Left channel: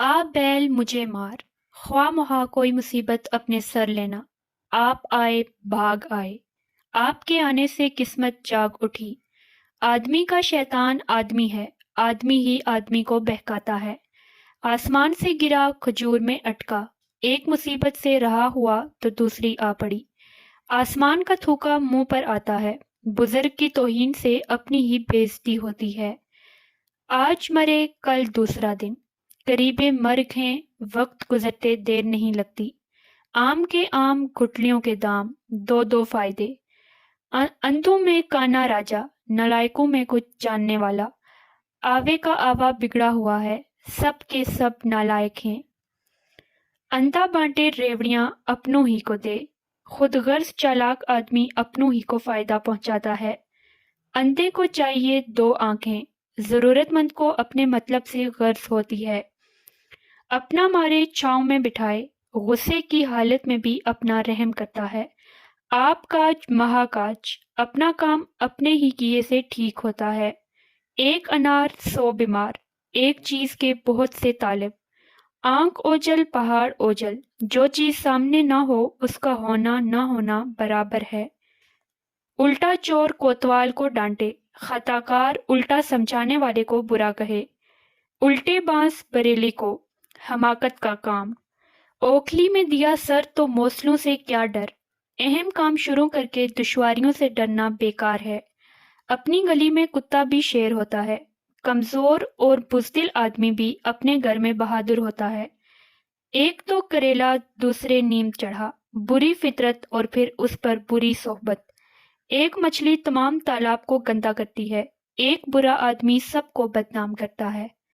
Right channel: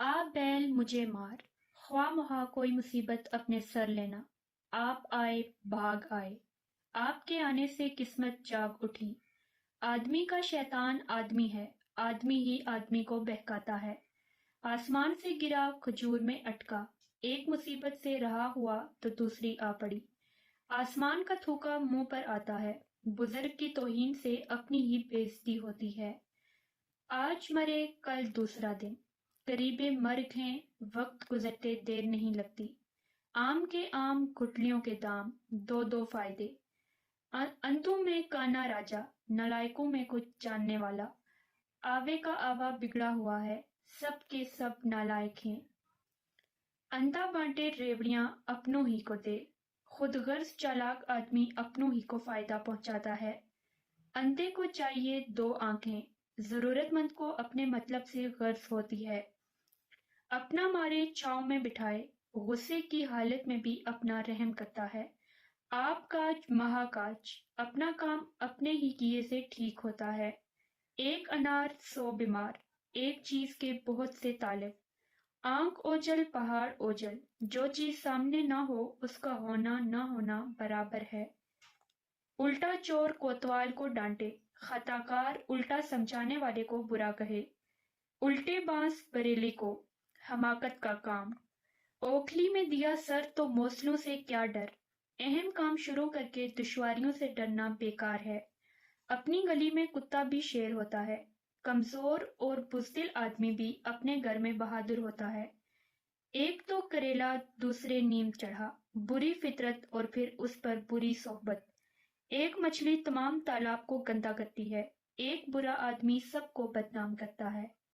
आ बैल मुझे मार, ख्वाह मुहा कोई मुसीबत अपने सर लेना। आप आए, भाग आए, आपके आने से किस्मत जाग उठी। आदमी का शैतान आदमी है, आदमी ही आदमी को बहकाता है। आसमान से गिरा खजूर में अटका, एक मुसीबत से रहा हुआ तो दूसरी आ पड़ी। आसमान का थूका मुंह पर आता है, बुजुर्ग की तौहीन से अपनी ही बेइज्जती होती है। आज मरे कल दूसरा दिन, करीबे मर्ग हैं, वक्त गुजरते देर नहीं लगती। आम के आम गुठलियों के दाम, दो दो फायदे। अंधों में काना राजा, नलायकों में कुछ जानने वाला। आवे का आवा बिगड़ा हुआ है, सब के सब नालायक हैं। अंधा बांटे रेवड़ियां अपनों ही को दे, खुद गर्ज चालाक आदमी अपनों ही को फायदा पहुंचाता है। अंधे को चाहिए दो आंखें, जरूरतमंद को अपने मतलब से गर्ज होती है। अपना मारे छांव में बिठाए, गुस्से की हालत में भी अपना रहम करता है। आप काज महाकाज, अपना काम अपने ही किए से ठीक होता है। एक अनार सौ बीमार, एक चीज के बहुत से तालिब। आंख ओझल पहाड़ ओझल, जो चीज सामने ना हो उसका होना ना होना बराबर है। उल्टा चोर कोतवाल को डांटे, खताकार उल्टा समझाने वाले को बुरा कहे। उल्टे बांस बरेली को, हमाकत का काम। ओखली में दिया सर तो मौसलों से क्या डर। अहम काम शुरू करके दुश्वारियों से डरना बेकार है। अपनी गली में कुत्ता भी शेर होता है। कमजोर और बुज़दिल आदमी भी अपने घर में बहादुर होता है। एक तो करेला दूसरे नीम चढ़ा, बुरी फितरत और फिर उस पर बुरी सोहबत। एक मछली तमाम तालाब को गंदा करती है, एक बुरा आदमी सबको बदनाम करता है।